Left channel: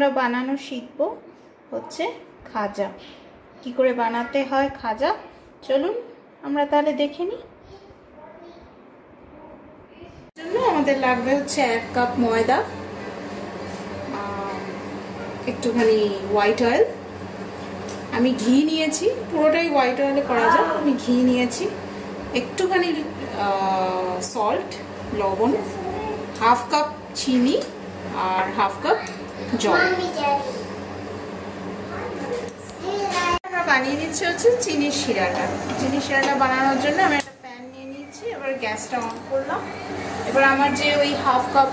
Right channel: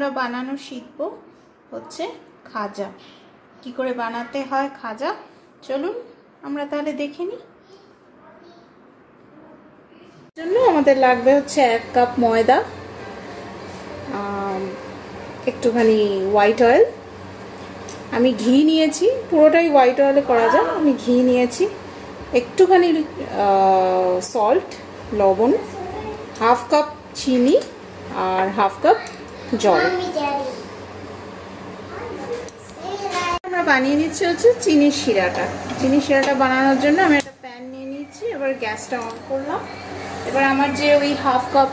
আমরা বানানো শিখবো হচ্ছে খাজা। কি করে বানাতে হয় খাজা, চলুন আমরা তাহলে দেখে নিই। জন্য আমাদের লাগবে হচ্ছে 1 কাপ ময়দা, একটুখানি হোয়াইট অয়েল, আমি ঘি নিয়েছি, পুরোটাই হোয়াইট অয়েলে করা যায়, আমি ঘি নিয়েছি, একটুখানি সল্ট লবণ, 1/2 কাপ চিনি আর 1/2 কাপ জল। আমরা বানিয়ে নিচ্ছি হচ্ছে চিনির শিরাটা। চিনির শিরাটা বানানোর জন্য আমি একটা প্যান নিয়ে নিচ্ছি, এবার গ্যাসটা অন করলাম। এবার আমার যে ওই 1/2 কাপ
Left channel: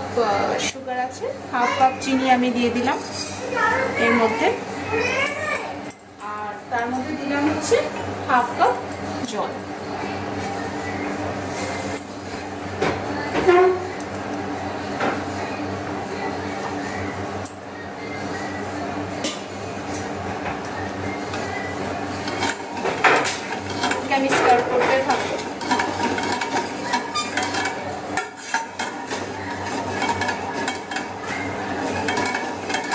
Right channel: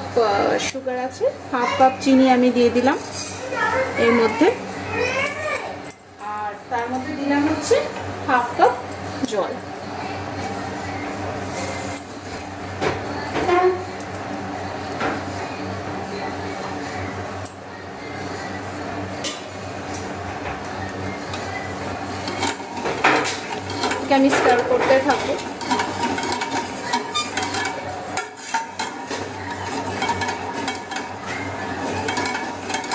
সুগার আছে, 1/2 কাপ চিনি আমি দিয়ে দিলাম এর মধ্যে, আর তার মধ্যে দিলাম হচ্ছে 1/2 কাপ জল। আমি স্টার করতে থাকবো।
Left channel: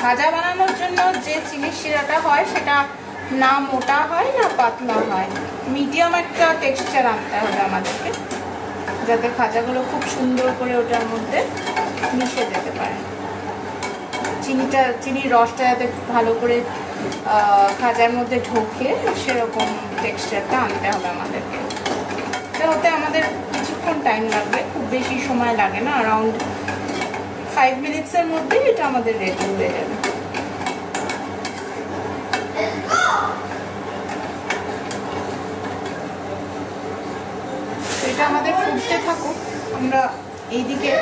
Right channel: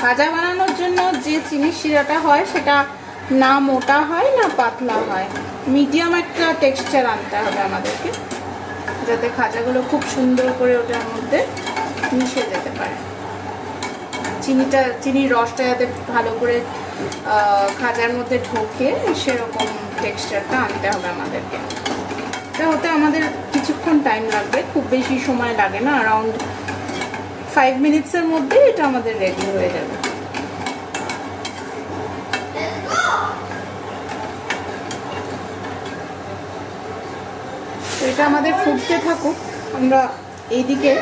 খাজা বানানোর জন্য যে চিনির শিরাটা হয় সেটা না মোটা হয় না পাতলা হয়, মিডিয়াম একটা টেক্সচার আনতে হবে আমাদেরকে, যাতে খাজাগুলো খুব সুন্দর করে ওটার মধ্যে মিশে যেতে পারে। চিনির রসটা যাতে ভালো করে খাজার মধ্যে ঢোকে সেরকম টেক্সচারটা আনতে হবে আমাদেরকে। এটা হতে আমাদের কিছুক্ষণ টাইম লাগবে, খুব বেশি সময় লাগে না, অ্যারাউন্ড 5 মিনিটসের মধ্যে এটা আমাদের রেডি হয়ে যাবে। তো এটা আমাদের ফুটতে থাকুক, আমরা এইদিকে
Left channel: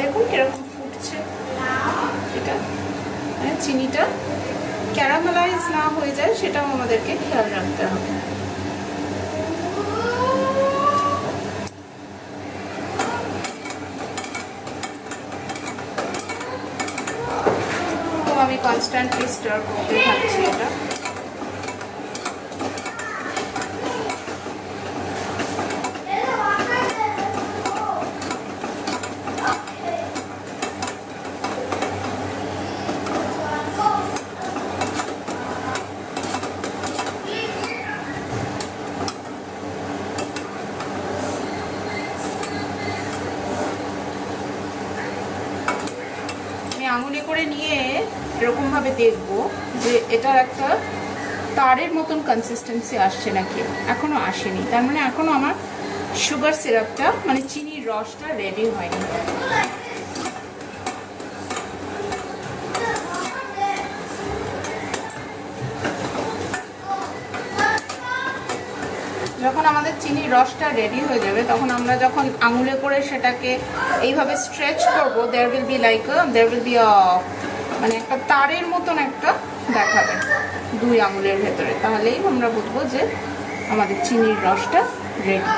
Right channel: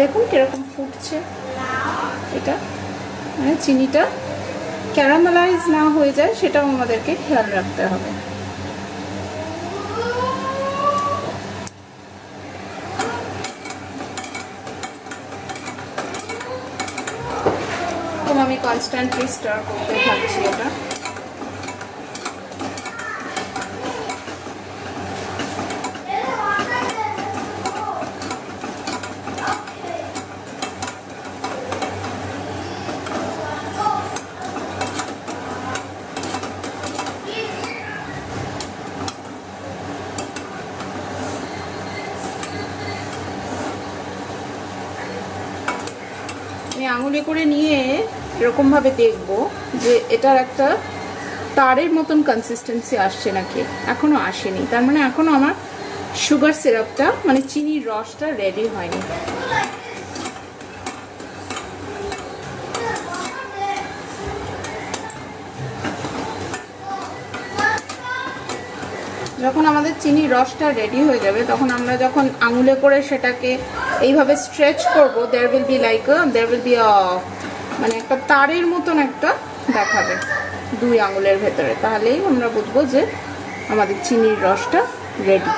দেখুন কিরকম ফুটছে। এটা মানে চিনিটা ক্যারামেলাইজ না হয়ে যায় সেটাও আমাদেরকে খেয়াল রাখতে হবে। আমি কনস্ট্যান্টলি স্টার করতে থাকছি এটা। আঙুলে করে নিয়ে এরকম ভাবে দেখবো যে এটার একটা তারের মতন কনসিস্টেন্সি আসছে নাকি, এখনো আসেনি, তার মানে এখনো আমার সুগার সিরাপটা মানে চিনির রসটা রেডি হয়নি। যখন আমাদের চিনির রসটা রেডি হয়ে যাবে তখন আমরা যখন আঙুলে করে সেটাকে এইভাবে স্ট্রেচ করব, দেয়ার উইল বি মানে একটা তারের মতন একটা দেখাবে 2 আঙুলের ভেতরে, তাহলেই আমরা বুঝবো যে আমাদের চিনির রসটা রেডি।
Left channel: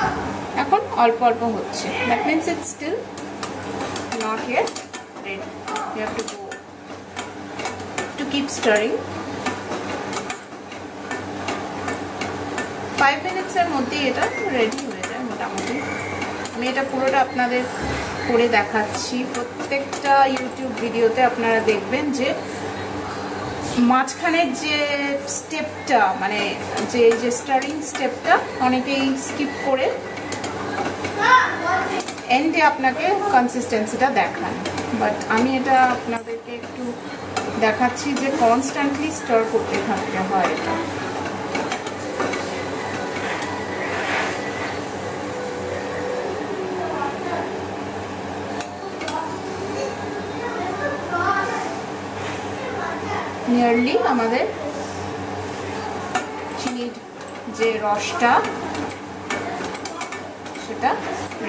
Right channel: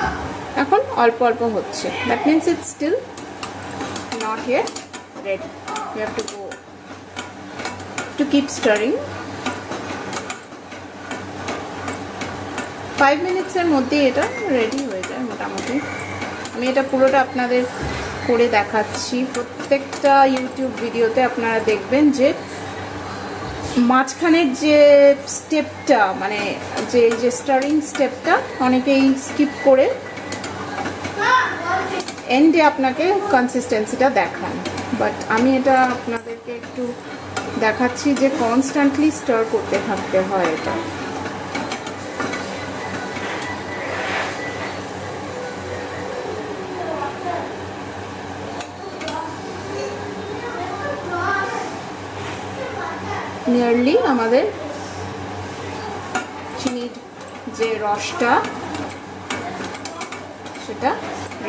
এখন অল্প অল্প হচ্ছে, that means it's still not yet ready. You have to keep staring. 5 মিনিটসের মধ্যে এটা রেডি হয়ে যায় মোটামুটি। আমি এটা পুরোটা আপনাদের করে দেখাচ্ছি। প্রত্যেকটা ইউটিউব ভিডিওতে আপনারা দেখবেন যে মাঝখানের যে স্টেপটা মানে যে স্টারিং স্টেপটা অনেকেই স্কিপ করে এন্ডে আপনাকে কনসিস্টেন্সিটা দেখায়, বাট আমি এটা আপনাদেরকে একটু দেখাচ্ছি যে কনস্ট্যান্টলি স্টার করতে থাকতে হয় এটা। নিয়ারলি আমাদের চিনির যে রসটা সেটা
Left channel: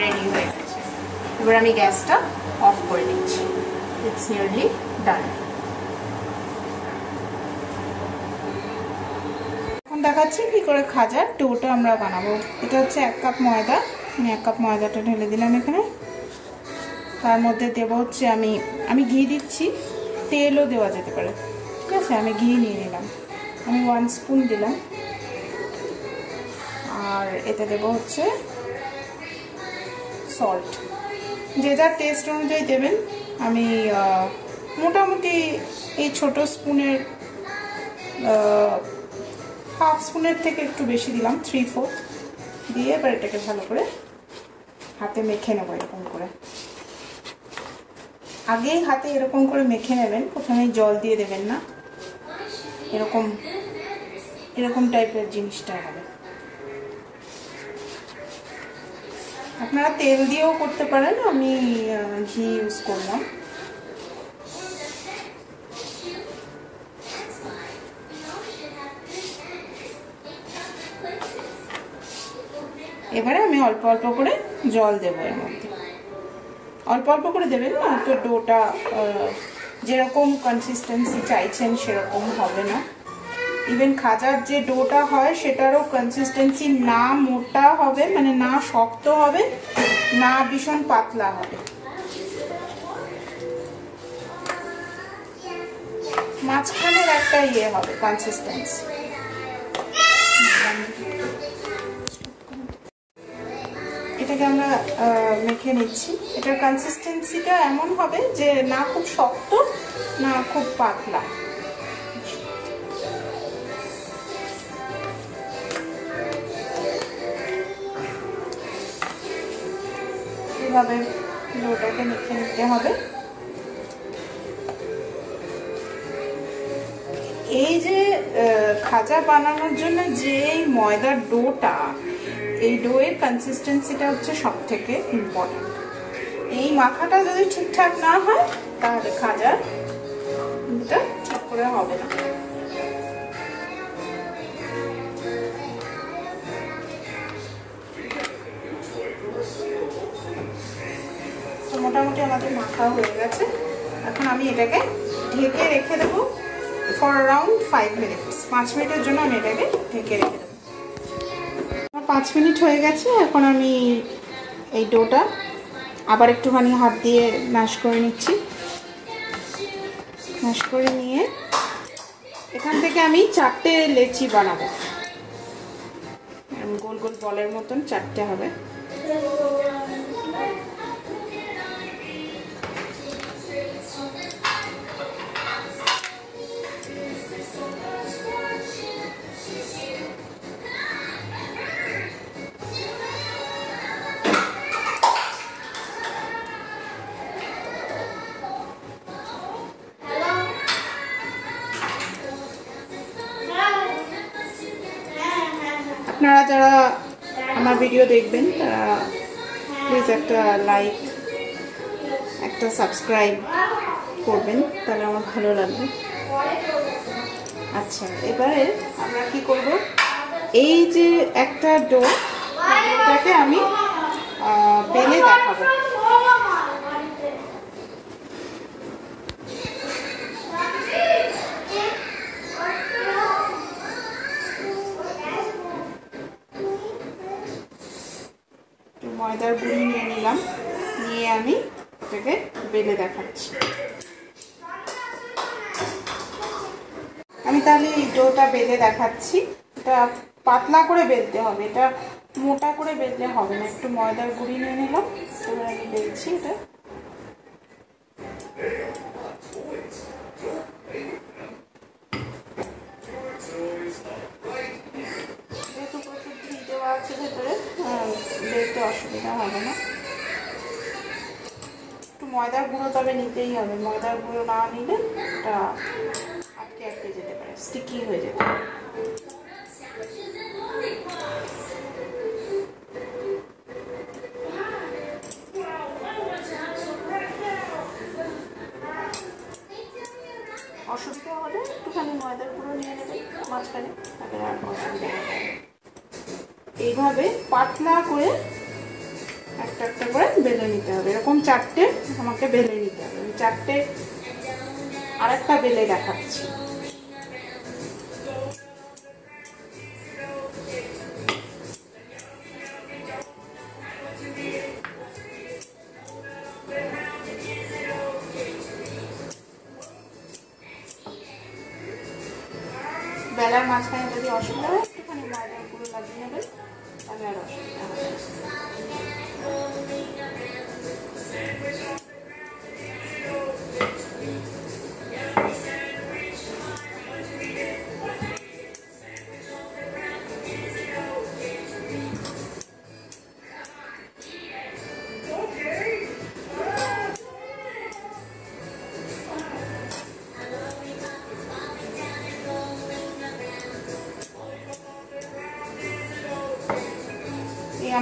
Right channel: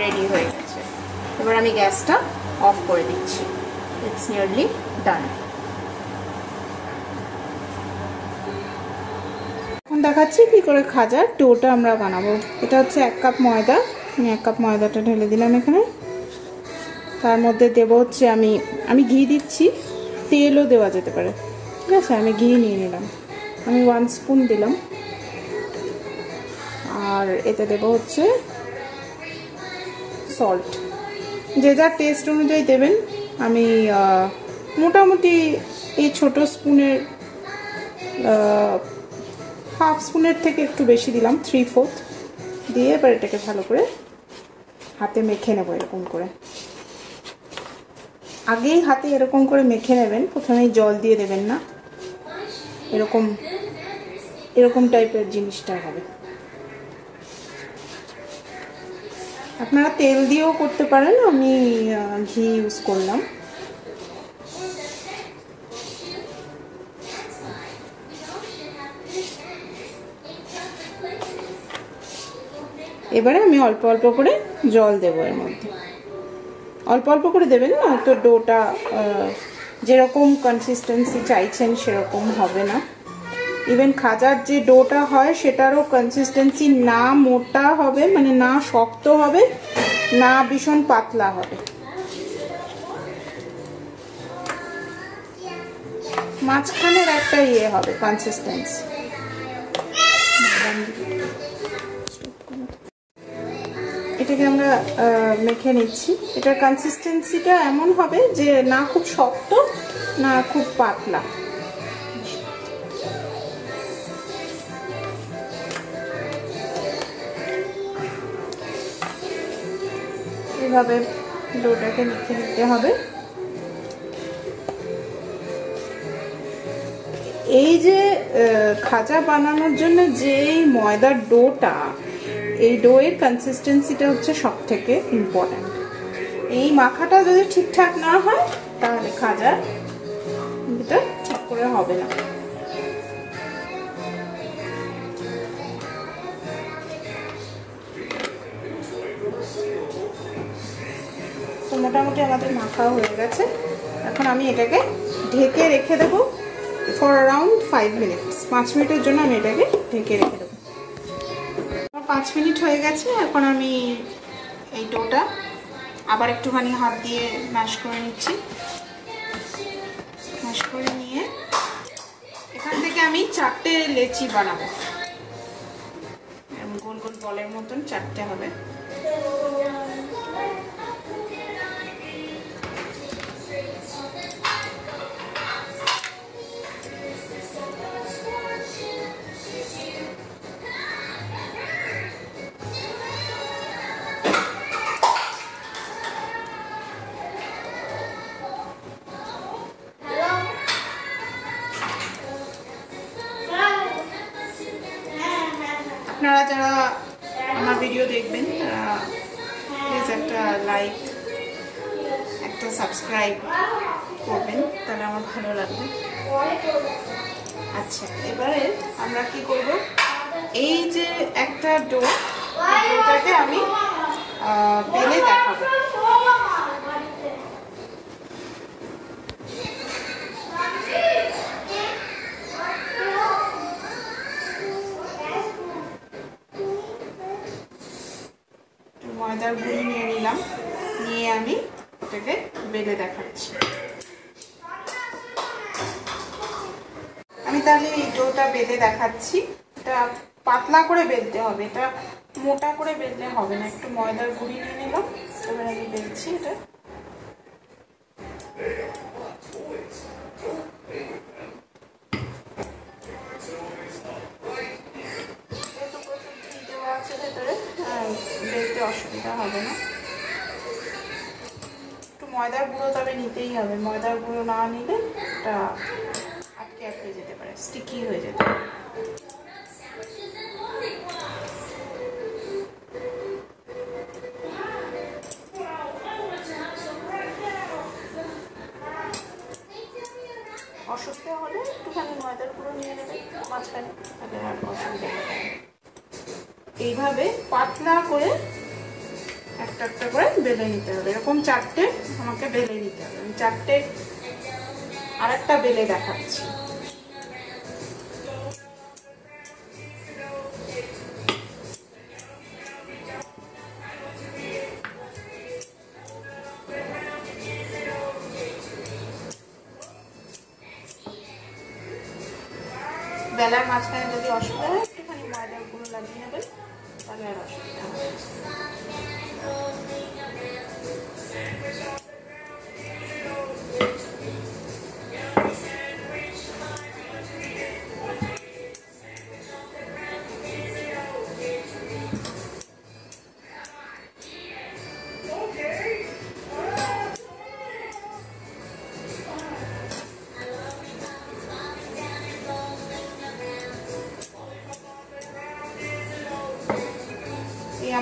রেডি হয়ে গেছে। এবার আমি গ্যাসটা অফ করে দিচ্ছি। ইটস নিয়ারলি ডান। এখন দেখাচ্ছি কি করে খাজার ডোটা আমরা বানাবো। এটা হচ্ছে 1 কাপ ময়দা, আমি 1 কাপ ময়দাটা ঢেলে দিলাম এখানে। তার মধ্যে দেবো হচ্ছে আমি ঘি দিচ্ছি, তেলও দেওয়া যেতে পারে, ঠিক আছে। আমি ঘি নিয়ে নিলাম, আমি 1 স্পুন দিলাম। আর এতে দেবো হচ্ছে সল্ট, যে যার টেস্ট অনুযায়ী দেবেন। আমি মোটামুটি এই ছোট স্পুনের হাফ স্পুনের থেকে একটু বেশি দিলাম, 3/4 দিয়ে এবার এটাকে ভালো করে হাতে মেখে নেবো। এরকম করে আগেই হাতে এরকম করে মেখে নেবেন, প্রথমেই জল দিয়ে দেবেন না। এরকম এরকম টাইপের জিনিসটা হবে। আপনারা তেল দিয়েও করতে পারেন, আমি ঘি ইউজ করলাম। এবারে আমি অল্প অল্প করে জল দেবো এর মধ্যে, অল্প অল্প করে দেবেন, তো ডোটা যেরকম কনসিস্টেন্সি চাইছেন সেরকম হবে না। ইভেন খাজার যে ডোটা হয় সেটারও কনসিস্টেন্সি না মোটা হবে, মানে না শক্ত হবে, না ভীষণ পাতলা হবে, মাঝখানের একটা ইয়ে হবে কনসিস্টেন্সি। এটাকে আমরা মেখে নিচ্ছি। এটার কনসিস্টেন্সিটা এমন হবে যে না খুব শক্ত না খুব পাতলা। এভাবে ডোটাকে মেখে নিতে হবে। এই যে খাজা বানানোর জন্য যে ময়দার ডোটা, এই ডোয়ের কনসিস্টেন্সিটা হচ্ছে সব থেকে ইম্পর্টেন্ট। এই মাখাটা যদি ঠিকঠাক না হয় তাহলে খাজা এটা ঠিক করে হবে না। তো মোটামুটি আমাদের মাখা হয়ে গেছে। এখন আমি এটাকে ঢেকে রেখে দেবো ফর অ্যারাউন্ড 5 মিনিটস। 5 মিনিটের জন্য আমি এটাকে ঢেকে রেখে দেবো। 5 মিনিট হয়ে গেছে। এখন আমি এই ডোটা আবার একটুখানি হাত দিয়ে ম্যাশ করে নিচ্ছি। ম্যাশ করে নিয়ে এখান থেকে আমি 4টে লেচি বানাবো। গোল গোল বলের মতন 4টে হবে। আপনারা যারা আমার ভিডিও দেখবেন তারা প্লিজ একটা লাইক, একটা সাবস্ক্রাইব করবেন, তাহলে আমার ভালো লাগবে। আচ্ছা, এবারে আমরা কি করব, এই যে একটা ডোটাকে আমি বেলে দেখাবো। ময়দার গুঁড়ি নিয়ে নিলাম, নিয়ে আমি এটাকে বেলে দেখাচ্ছি। আমি তাহলে এই ডোটা বেলে দেখাচ্ছি। এটা পাতলা করে বেলতে হবে, এটা মোটা করে বেললে হবে না। একটু ময়দার গুঁড়ি নিয়ে নিলাম, এবার আমি বেলছি এটা। যেহেতু প্রচুর ঘি দেওয়া আছে ভেতরে, বেলতে অসুবিধা হবে না। একটু ময়দার গুঁড়ো তবে নিতেই হবে, ময়দার গুঁড়ো না নিলে এটা আটকে আটকে যেতে পারে, স্টিকি হয়ে যেতে পারে। অসুবিধা হলে একটুখানি ময়দার গুঁড়ো নিয়ে নেবেন মাঝখানে, তাহলে আর অসুবিধা হবে। এইভাবে পাতলা করে একটা একটা করে বেলে নিতে হবে। এরকম 4টে আমাকে বেলে নিতে হবে। আমি 4টে আরেকটা বেলে দেখাচ্ছি। বেলার মাঝখানে যদি অসুবিধা হয় একটুখানি ময়দার গুঁড়ো লাগিয়ে নেবেন, তাহলে আর অসুবিধা হবে।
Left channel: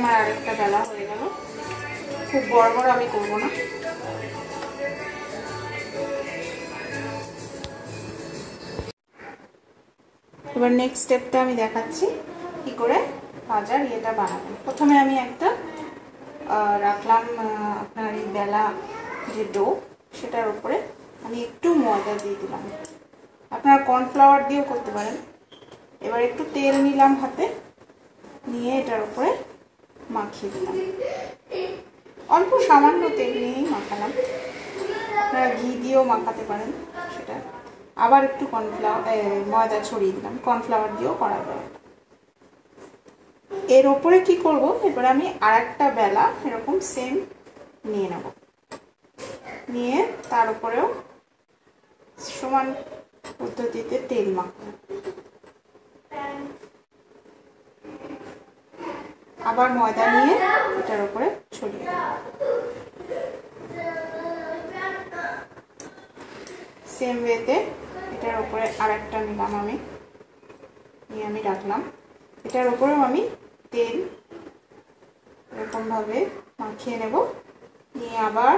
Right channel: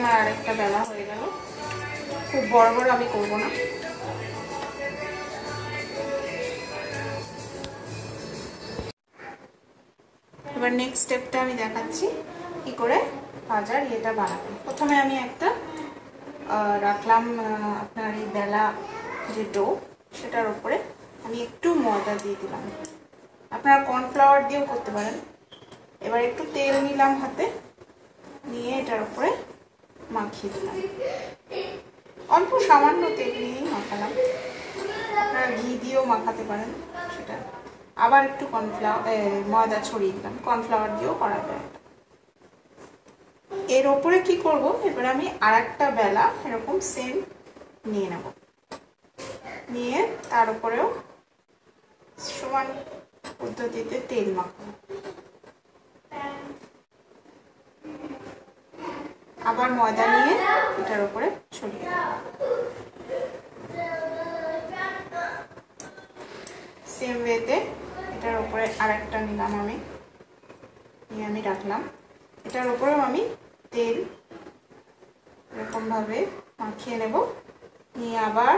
আমার আরেকটা বেলা হয়ে গেল। খুব বড় বড় আমি করব না। এবার নেক্সট স্টেপটা আমি দেখাচ্ছি কি করে ভাজার এটা বানাবো। প্রথমে আমি একটা রাখলাম আপনার এই বেলা যে ডো, সেটার উপরে আমি একটু ময়দা দিয়ে দিলাম। আপনারা কর্নফ্লাওয়ার দিয়েও করতে পারেন। এবার একটু তেল নিলাম হাতে, নিয়ে এটার উপরে মাখিয়ে দিলাম। অল্প সামান্য তেল নিয়েই মাখালাম। আপনারা ঘি দিয়েও মাখাতে পারেন সেটা। আবার একটু ময়দা ছড়িয়ে দিলাম। কর্নফ্লাওয়ার দিয়েও করা যায়। এর ওপরে কি করব, এবার আমি আরেকটা বেলা এরকম সেম নিয়ে নেব, নিয়ে তার উপরেও সমান পদ্ধতিতে তেল মাখাবো। আবার ময়দা নিয়ে এটার উপরে ছড়িয়ে দেব। সেম ওয়েতে এটার উপরে আরেকটা নিলাম আমি, নিয়ে আমি রাখলাম। এটার উপরেও আমি তেল এরকম ভাবে মাখিয়ে নেব, নিয়ে আবার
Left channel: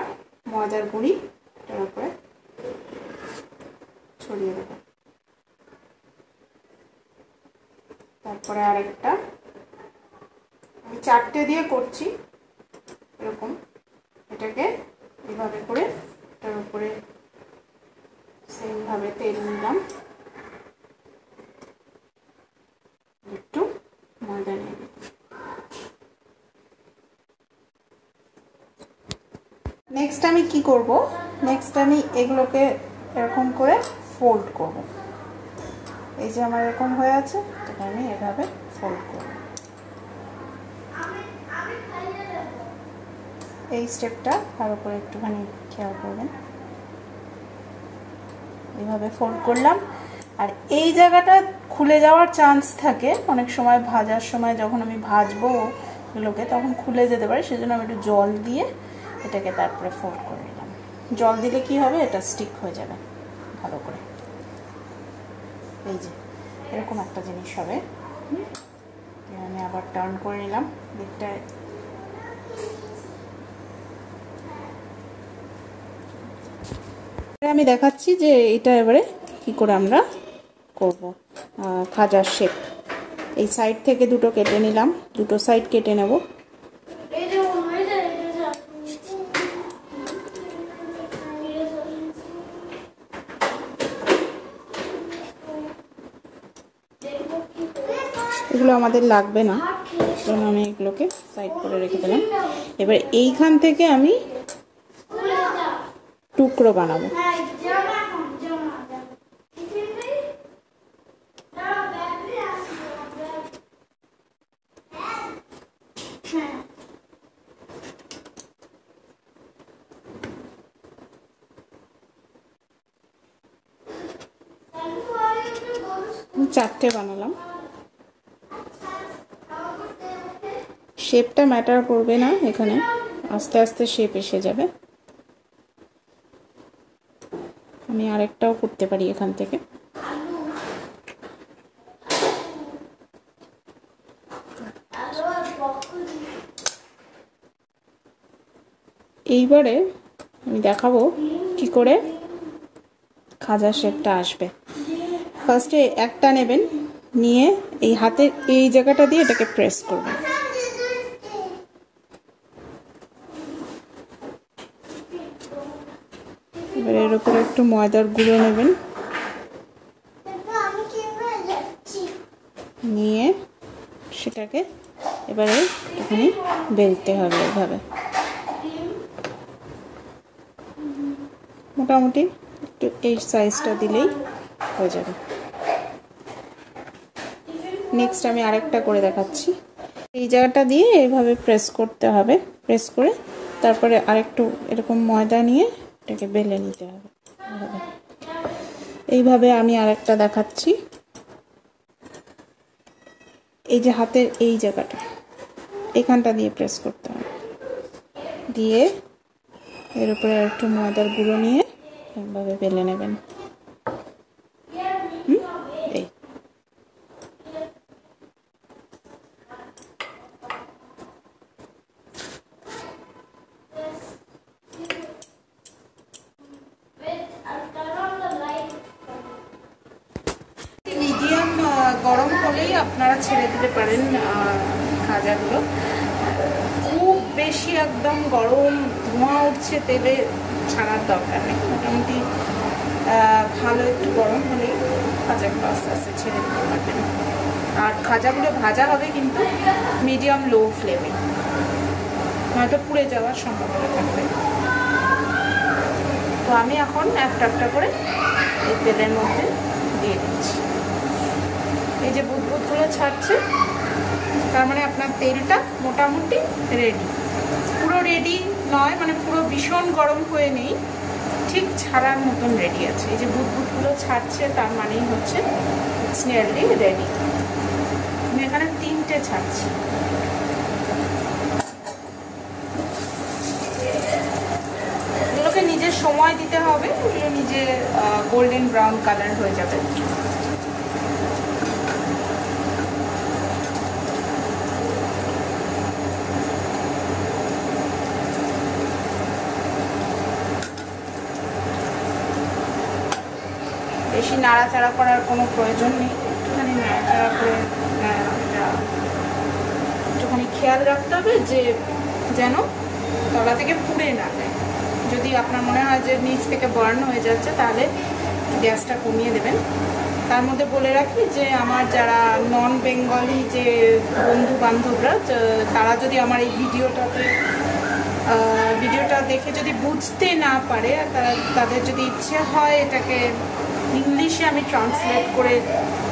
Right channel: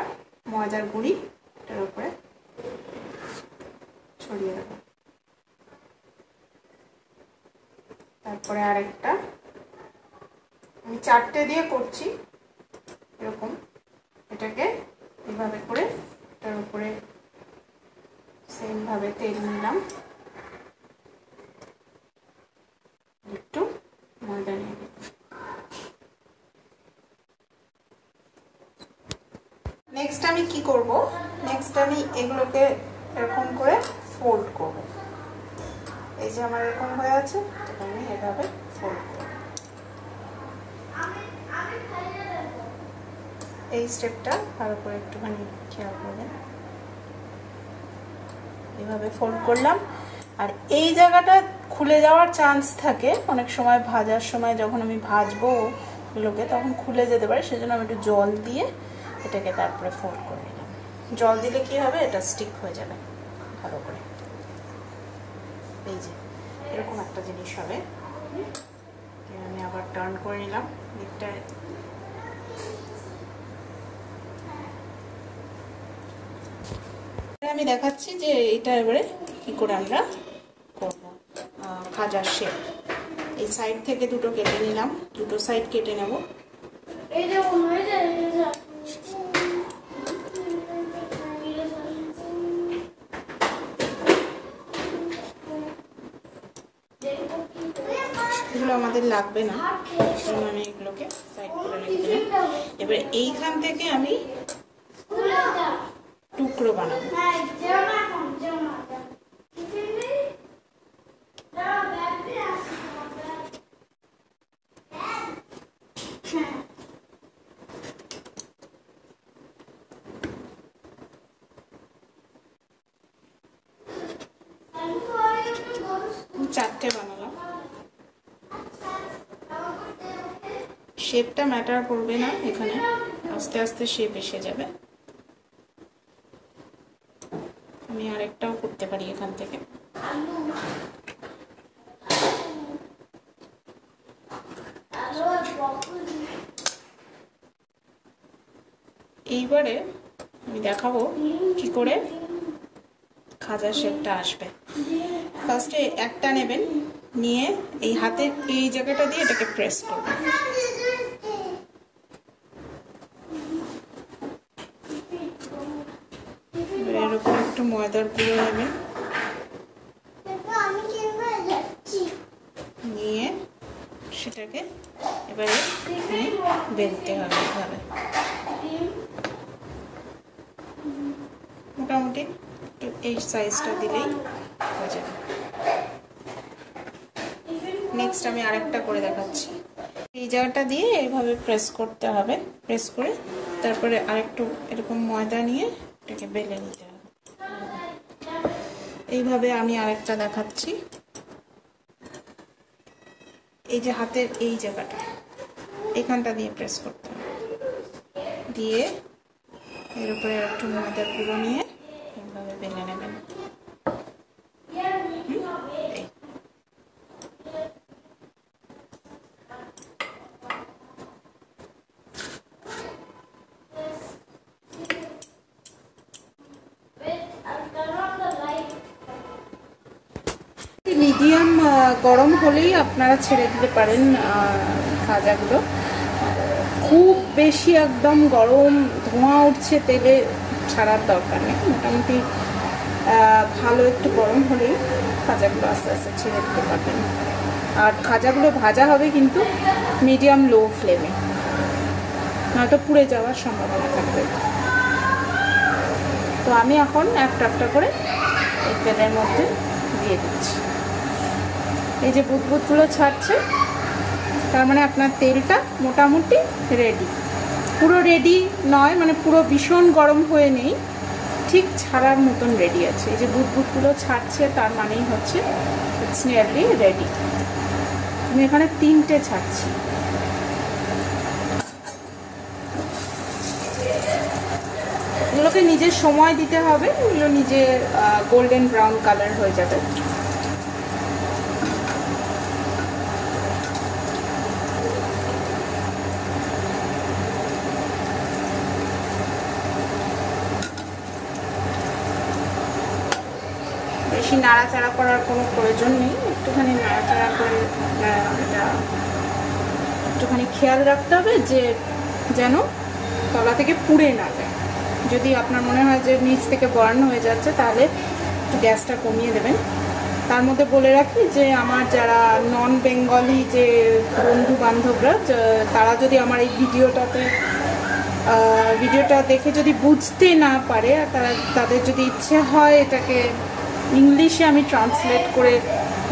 ময়দার গুঁড়ি এটার উপরে ছড়িয়ে দেব। তারপরে আরেকটা, আমি 4টে দিয়ে করছি এরকম। এটাকে এভাবে করে এটার উপরে সেম ভাবে তেল নিলাম, একটু ময়দা নিয়ে নিলাম। নেক্সট আমি কি করব, নেক্সট আমি এগুলোকে এরকম করে ফোল্ড করব। এই যে আমার এরকম হয়ে আছে, আমি এভাবে ফোল্ড করব। এই স্টেপটা তার উপরে একটুখানি খেয়াল করবেন। এইভাবে ফোল্ড করলাম। আর এই জায়গাটা খুলে যাওয়ার চান্স থাকে অনেক সময়, ভাজার সময় যখন আমি ভাজবো এগুলোকে তখন খুলে যেতে পারে। সেজন্য আমি একটু জল দিয়ে এটাকে তারপরে ফোল্ড করে নিলাম। জল দিলে কি হবে, এটা স্টিক হয়ে যাবে ভালো করে। এই যে এরকম একটা জিনিস হবে। আমি আবার টার্ন করে নিলাম দিকটায়। আমি দেখাচ্ছি যে এটা এবারে কি করে আমরা করব খাজার শেপ। এই সাইড থেকে দুটো কেটে নিলাম, দুটো সাইড কেটে নেব। এগুলো আমাদের লাগবে না, আমি এগুলোকে সাইড করে রেখে দিলাম। এবার এইখান থেকে আমি টুকরো বানাবো। চারটে বানালাম। শেপটা ম্যাটার করবে না এখানে, আস্তে আস্তে শেপ এসে যাবে। আমি আরেকটাও করতে পারি এখান থেকে। এইবারে আমি দেখাবো কি করে খাজার শেপটা আসবে। ফার্স্টে একটা নেবেন, নিয়ে এই হাতে এই জায়গাটা দিয়ে এটাকে প্রেস করবেন। এর উপর একটু ময়দার গুঁড়ো নেবেন, নিয়ে সেটাকে এবারে এখানে বেলতে হবে। এভাবে মোটামুটি একটু এই সাইজটা দিলেই হয়ে যাবে। নেক্সট আমি আরেকটা করে দেখাচ্ছি। এই জায়গাটা দিয়ে এভাবে প্রেস করতে হবে, প্রেস করে তারপরে আরেকটু এরকম ময়দা নিয়ে এটাকে বেলে নিতে হবে। এইভাবে আমি আরেকটা দেখাচ্ছি। এই যে হাতের এই জায়গাটা, এখানটা দিয়ে প্রেস করতে হবে, দিয়ে এর উপরে একটু ময়দার গুঁড়ো নিয়ে এইভাবে বেলে নেবেন। গরম হলেই আপনারা ছেড়ে দিতে পারেন খাজাগুলো। খুব বেশি একদম গরম ধোঁয়া উঠছে তেলে ছাড়ার দরকার নেই, মোটামুটি ভালো একটু গরম হলেই খাজাগুলো আস্তে আস্তে ছেড়ে দিতে পারবেন। আর খাজাগুলো ভাজা হবে কিন্তু মিডিয়াম লো ফ্লেমে, নয়তো পুড়ে যাওয়ার সম্ভাবনা থাকবে। তো আমি এখন একটা একটা করে এই তেলের মধ্যে দিয়ে দিচ্ছি। এই যে বুটগুলো ছাড়ছে, তার মানে আপনার তেলটা মোটামুটি রেডি। পুরো রেডি নয়, মানে পুরো ভীষণ গরম হয়ে নেই, ঠিক ছাড়ার মতন রেডি আছে। এই যে বুটগুলো ছাড়ছে, তার মানেই হচ্ছে ইটস নিয়ারলি রেডি। আমি এখানে 3টে ছাড়ছি। এগুলোকে নিজের সময় দিতে হবে, এগুলো নিজে গোল্ডেন ব্রাউন কালার হয়ে যাবে। বেশি নাড়াচাড়া করার কোনো প্রয়োজন নেই, একটুখানি নাড়াচাড়া করে একটুখানি খেয়াল রাখতে হবে যে যেন তলা থেকে পুড়ে না যায়। যদি আপনার মনে হয় যে নিচ থেকে বার্ন হয়ে যাচ্ছে, তাহলে গ্যাসটা কমিয়ে দেবেন। তার মধ্যে বলে রাখি যে আমার যারা নন বেঙ্গলি যে বন্ধু বান্ধবরা, তারা যদি আমার এই ভিডিওটা দেখে যদি বুঝতে না পারে, তাদের যদি ইচ্ছে হয় এটাকে ইংলিশে আমি ট্রান্সলেট করে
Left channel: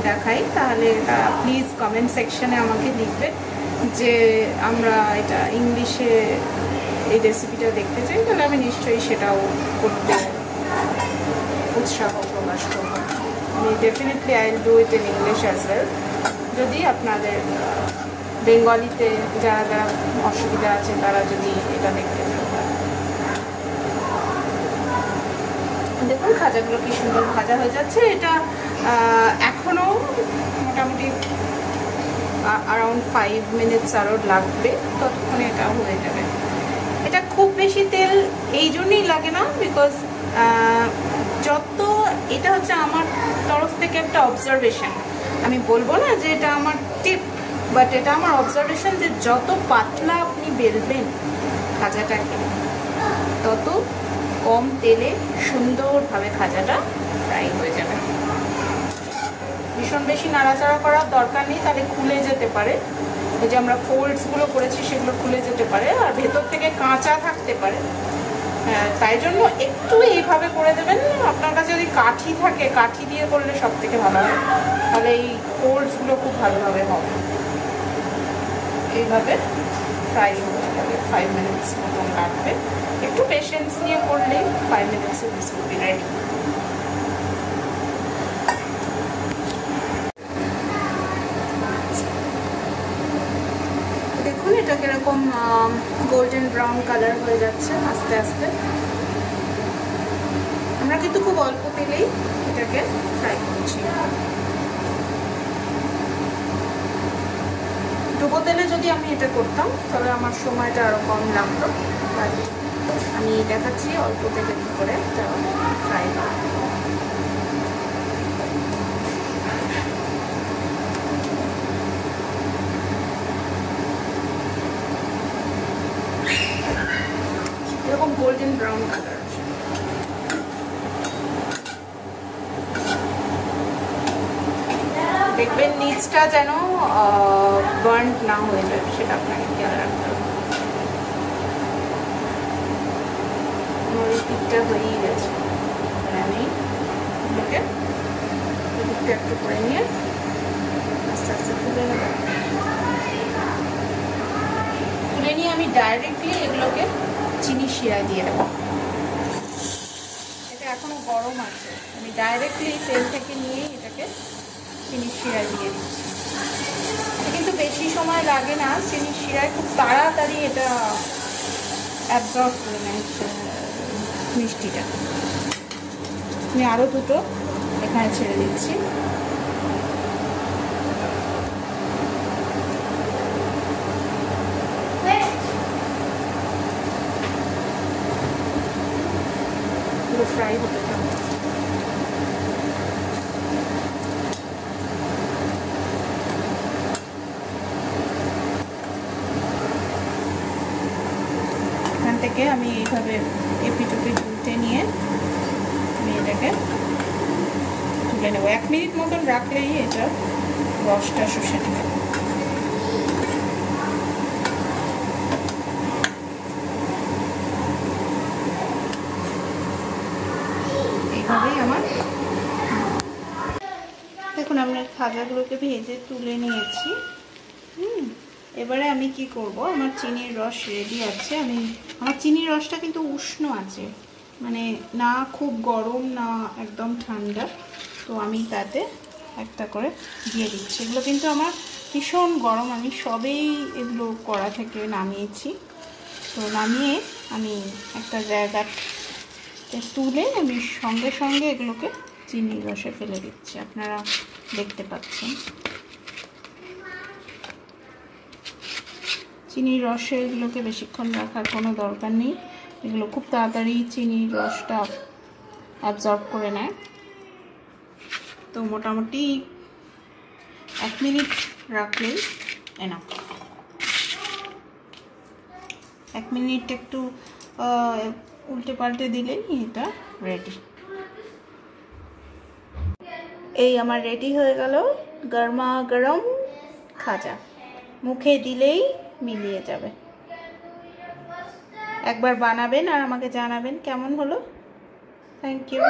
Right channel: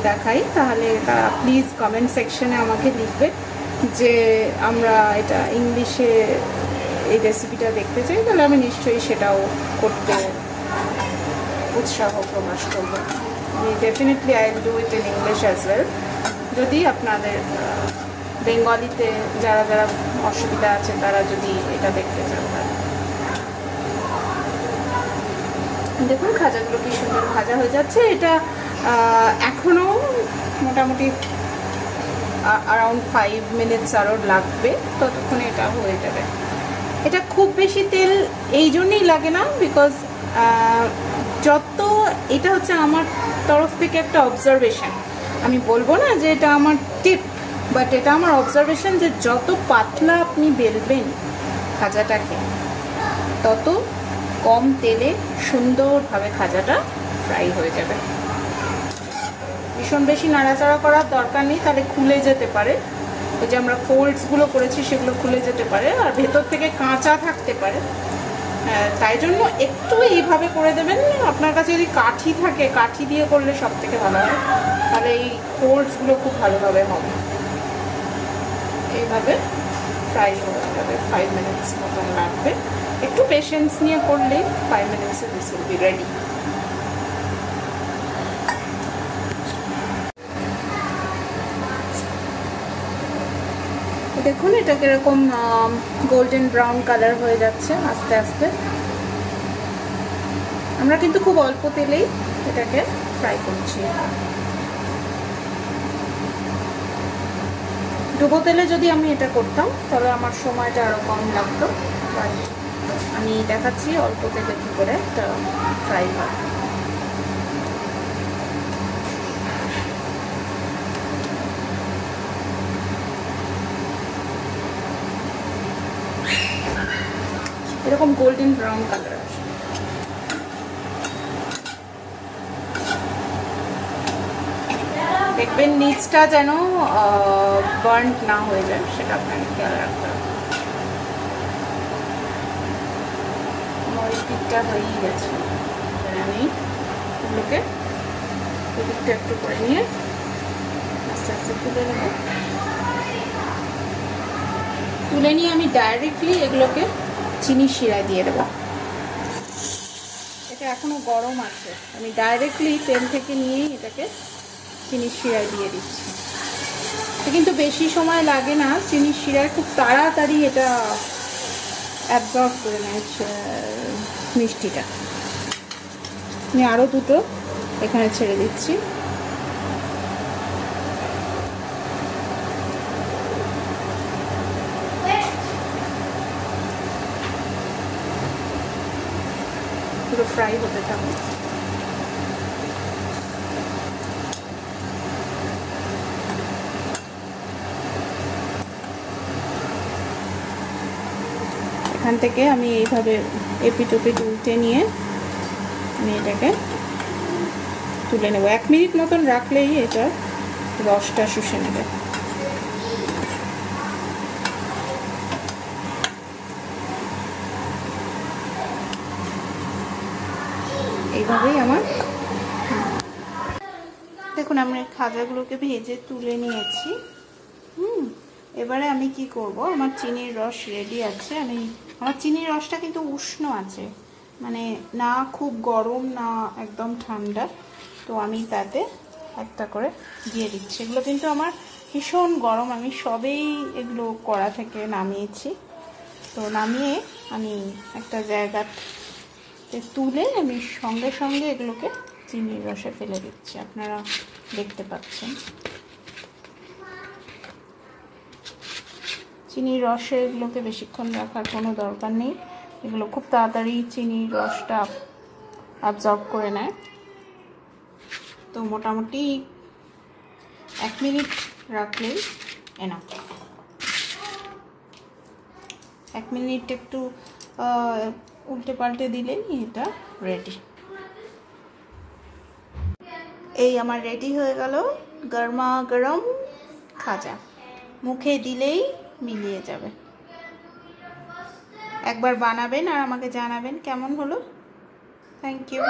দেখাই, তাহলে তারা প্লিজ কমেন্ট সেকশনে আমাকে লিখবে যে আমরা এটা ইংলিশে এই রেসিপিটা দেখতে চাই, তাহলে আমি নিশ্চয়ই সেটাও করতে উৎসাহ প্রকাশ করবো। Definitely I will do it in English as well. যদি আপনাদের বেঙ্গলিতে যারা যারা অসুবিধা আছে তারা যদি এটা দেখতে চান। দেখুন খাজাগুলো কি সুন্দর ভাজা হয়ে যাচ্ছে। এটা এখনো মোটামুটি অ্যারাউন্ড 5 মিনিটস আরও লাগবে, ততক্ষণে এটা হয়ে যাবে। এটা খুব বেশি তেল এই জন্যই লাগে না, বিকজ এটা হচ্ছে আমার তরফ থেকে একটা অবজারভেশন। আমি বলবো না যে এটা আমার টিপ, বাট এটা আমার অবজারভেশন যে যত পাতলা আপনি বেলবেন খাজাটাকে, তত কম তেলে সুন্দরভাবে খাজাটা ফ্রাই হয়ে যাবে। ভীষণ বেশি নাড়াচাড়া করার দরকার নেই, তাহলে খুলে যেতে পারে। ওই যে আমরা ফোল্ডসগুলো করেছি সেগুলো খুলে যেতে পারে, আর ভেতর থেকে কাঁচা থাকতে পারে। তাই জন্য একটু এইভাবে করে দেবেন। আপনার কাছে যদি কাঠি থাকে, কাঠি দিয়ে করলে সব থেকে ভালো হবে, তাহলে এই ফোল্ডসগুলো খুব ভালোভাবে হবে। এইভাবে ফ্রাই হয়ে যাবে। 5 মিনিটস মতন লাগবে। একটু পেশেন্স নিয়ে করলেই 5 মিনিটসে দিস উইল বি রেডি। দেখুন এটা কিরকম গোল্ডেন ব্রাউন কালার হয়ে যাচ্ছে আস্তে আস্তে। আমরা কিন্তু খুব অল্প তেলেই এটাকে ফ্রাই করছি। ডুবো তেলে যদি আমি এটা করতাম তাহলে আমার সময়টা আরো কম লাগতো। আমি দেখাচ্ছি অল্প তেলে কি করে এটা ফ্রাই করা। এরকম গোল্ডেন ব্রাউন কালার। দেখবেন নিচটা যেন বার্ন না হয়ে যায়, সেটা আপনাকে খেয়াল রাখতে হবে। পিঠটা হয়ে গেছে, আমি এদিকটা একটু করে নিয়ে আস্তে আস্তে তুলে নিয়ে আমি ডাইরেক্টলি এগুলোকে চিনি শিরায় দিয়ে দেবো। এটা এখনো গরম আছে, আমি ডাইরেক্টলি তেল থেকে নিয়ে এটাকে চিনি শিরায় দিয়ে দিচ্ছি। কিন্তু বেশি সময় লাগে না, চিনি শিরায় খুব তাড়াতাড়ি এটা অ্যাবজর্ব করে নেয় মিষ্টিটা। আমি আরও দুটো এখানে ছেড়ে দিচ্ছি। পুরো ফ্রাই হতে থাকবে। এইভাবে এপিটোপি উল্টে নিয়ে আমি এটাকে তুলে নেব। 1 মিনিট মতন রাখলেই এটা রসটা শুষে নেবে। এইভাবেই আমার দেখুন আমরা খাজাগুলোকে ভেজে তুলে নিয়েছি। এবারে আমি কি করব, আমার চিনির রস রেডি আছে। আমার চিনির রসটা কিন্তু উষ্ণ আছে, মানে না খুব গরম না একদম ঠান্ডা। তো আমি তাতে একটা করে দিয়ে দিচ্ছি। এগুলো কিন্তু আমার ভীষণ গরম, আমি সবেই এগুলো কড়া থেকে নামিয়েছি। তো নামিয়ে আমি একটা জায়গাতে তুলে আমি সঙ্গে সঙ্গে এগুলোকে চিনির রসে ফেলে দিচ্ছি। আপনারা দেখতে পাচ্ছেন চিনির রসে এগুলোকে বেশিক্ষণ রাখার কোনো দরকার নেই, এগুলো খুব তাড়াতাড়ি চিনির রসটা অ্যাবজর্ব করে নেয়। তো মোটামুটি 1 মিনিট রাখলেই এনাফ। 1 মিনিট একটু উল্টে পাল্টে দিলেই এটা রেডি। এই আমার রেডি হয়ে গেল গরমা গরম খাজা, মুখে দিলেই মিলিয়ে যাবে। একবার বানাবেন আর আমাকে জানাবেন কেমন হলো। Thank you.